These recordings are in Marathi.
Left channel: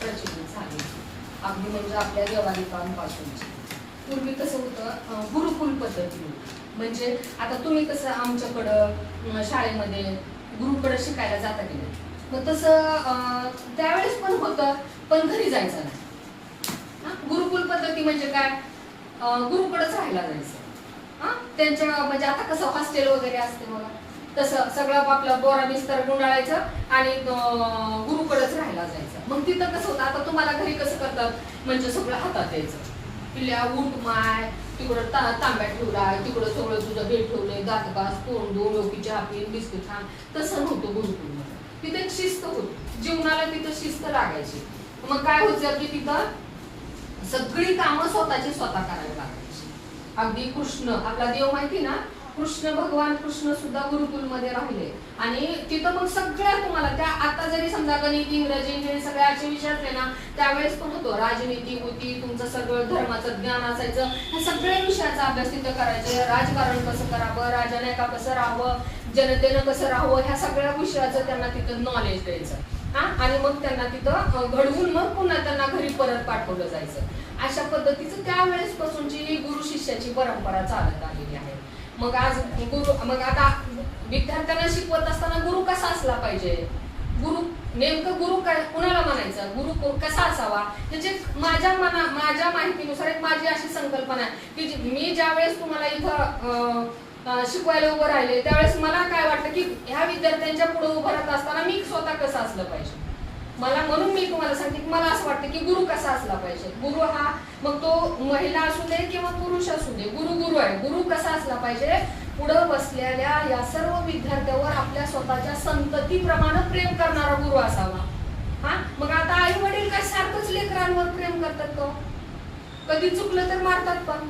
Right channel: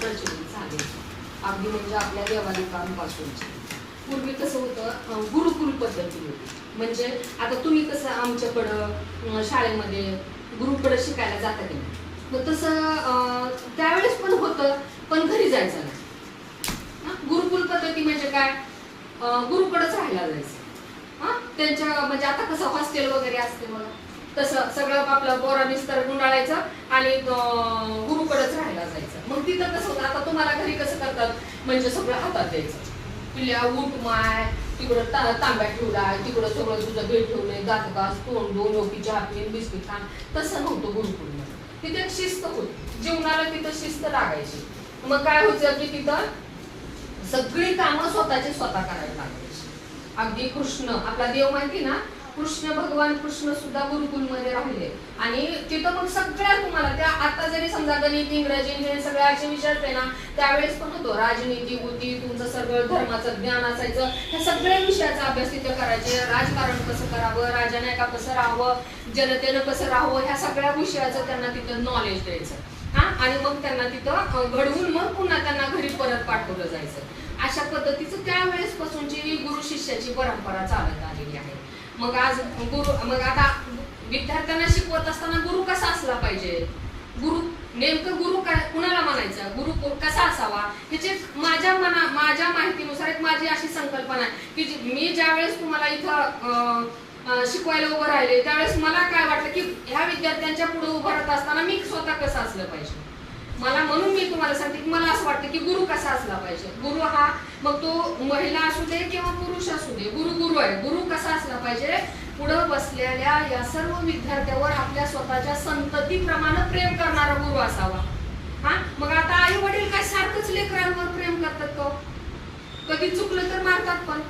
प्रचलित झाले. अगदी म्हणजे आपल्या देवाणकांपासूनची. पूर्वी कसं होतं, गुरुकुल पद्धती होती. म्हणजे आता तुम्ही कसं आमच्याकडं शाळेमध्ये गुरुकडे शिकायला जाता की नाही, मग तसं त्यावेळेस पण होतं, पण घरी जायचं नाही. गुरुकुल पद्धती म्हणजे काय, गुरुकडेच राहायला जायचं. त्यांच्या म्हणजे आता कसं हॉस्टेल वगैरे असते बघा, तसं सगळं आपलं बोरा बिस्तर गुंडाळायचं आणि गुरुकडेच राहायला जायचं. मग तिथं कसं होतं, आता तुम्हाला घरी कसं करतात, म्हणजे सगळं हातात द्यायचं. पिल्या उठ माय, तिकडं तांब्या ठेवला, तिकडं सगळं तुझं भेट ठेवलंय, दात घास, तोंड धुवून, लोकी चहा पिन, बिस्किट खाण. तसं नव्हतं गुरुकुलमध्ये. तिथे एक शिस्त होती, जीवनाला तिथं शिस्त लागायची. मग काय व्हायचं की तिथं सगळी कामं स्वतःची स्वतः करायला लागायची. अगदी कृष्ण आपला देव माहिती ना, कृष्ण भगवान कृष्ण सुद्धा गुरुकुलमध्ये राहिले. आणि तिथं मग सगळ्या तुम्हाला त्या आता जरी समजा गणित, इंग्रजी हे सगळ्याचे विषय असते ना, त्यावेळेस पण होतो. राजनीती होती, तुमचं सगळं धर्माचं ज्ञान असायचं. ह्या सगळ्या विषयाचा अभ्यास तिथं करायचे. राजकारण कसं करावं, राजाने का कसं राहावं, जनतेनं कसं राहावं, ह्या सगळ्या विषयाचं त्यांना तिथं नॉलेज द्यायचं. आणि मग त्यांना तिथं घडवून मग पुन्हा त्यांना घरी परत पाठवलं जायचं. अशा पद्धतीचं त्यावेळेस पासूनची गुरु शिष्याची परंपरा चालत आलेली आहे. मग आज मग आता विद्यार्थ्यांना शिकवत असताना गुरु कसा असला पाहिजे, गुरु नेमकं गुरु कुणाला म्हणायचं, गुरु कसा असावा, ह्याचे माझ्या माहितीनुसार एक माझी अशी संकल्पना आहे की मी ज्यावेळेस तुम्हाला इथं शिकवायला उभं राहिले, त्यावेळेस मला काय वाटतं की ह्या विद्यार्थ्यांच्या पुढे उभं राहत असताना मी स्वतः कसं असलं पाहिजे. म्हणून मी तुम्हाला सांगते की मला असं वाटतं की गुरु कसा असला पाहिजे. गुरु हा मग तो महिला असू दे किंवा पुरुष असू दे, गुरु आहे. गुरु कसा असला पाहिजे, पुढे बसलेल्या या सर्व विद्यार्थ्यावर आपल्या स्वतःच्या संततीप्रमाणे प्रेम करणारा गुरु असावा. मग आता आई वडील काय सारखंच लेकरांवर प्रेम करतात का, कधी चुकलं तर मारतात. पण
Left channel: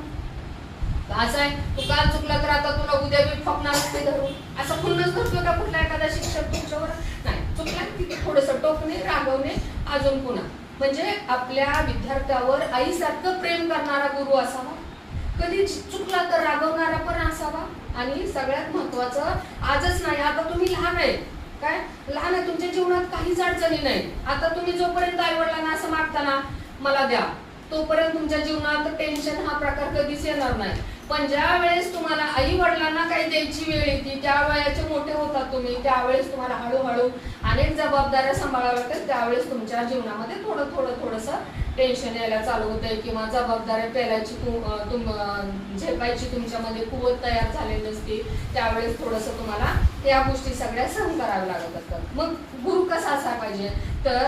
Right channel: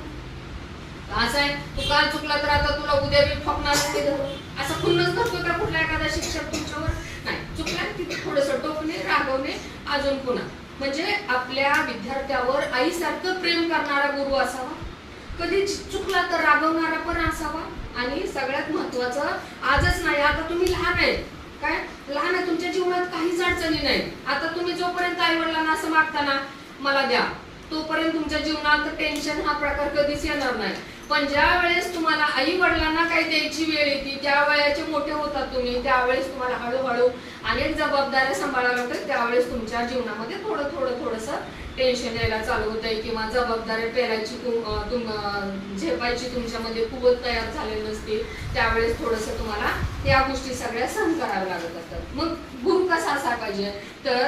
असं आहे, तू काल चुकला तर आता तुला उद्या मी ठोकणार ते धरून, असं खुन्नस करतो का कुठला एखादा शिक्षक तुमच्यावर? नाही, चुकला तिथे थोडस टोकणे, रागवणे, अजून पुन्हा. म्हणजे आपल्या विद्यार्थ्यावर आईसारखं प्रेम करणारा गुरु असावा, कधी चुकला तर रागवणारा पण असावा. आणि सगळ्यात महत्वाचं, आजच नाही, आता तुम्ही लहान आहे, काय लहान आहे, तुमच्या जीवनात काहीच अडचणी नाही. आता तुम्ही जोपर्यंत आई वडिलांना असं मागताना मला द्या, तोपर्यंत तुमच्या जीवनात टेन्शन हा प्रकार कधीच येणार नाही. पण ज्या वेळेस तुम्हाला आई वडिलांना काही द्यायची वेळ येते, त्या वेळेचे मोठे होतात तुम्ही, त्यावेळेस तुम्हाला हळूहळू अनेक जबाबदाऱ्या सांभाळाव्या लागतात. त्यावेळेस तुमच्या जीवनामध्ये थोडंसं टेन्शन यायला चालू होतंय किंवा जबाबदाऱ्या पेलायची झेपायची तुमच्यामध्ये कुवत तयार झालेली नसते. त्यावेळेस थोडंसं तुम्हाला या गोष्टी सगळ्या सहन कराव्या लागत असतात. मग गुरु कसा असायला पाहिजे, तर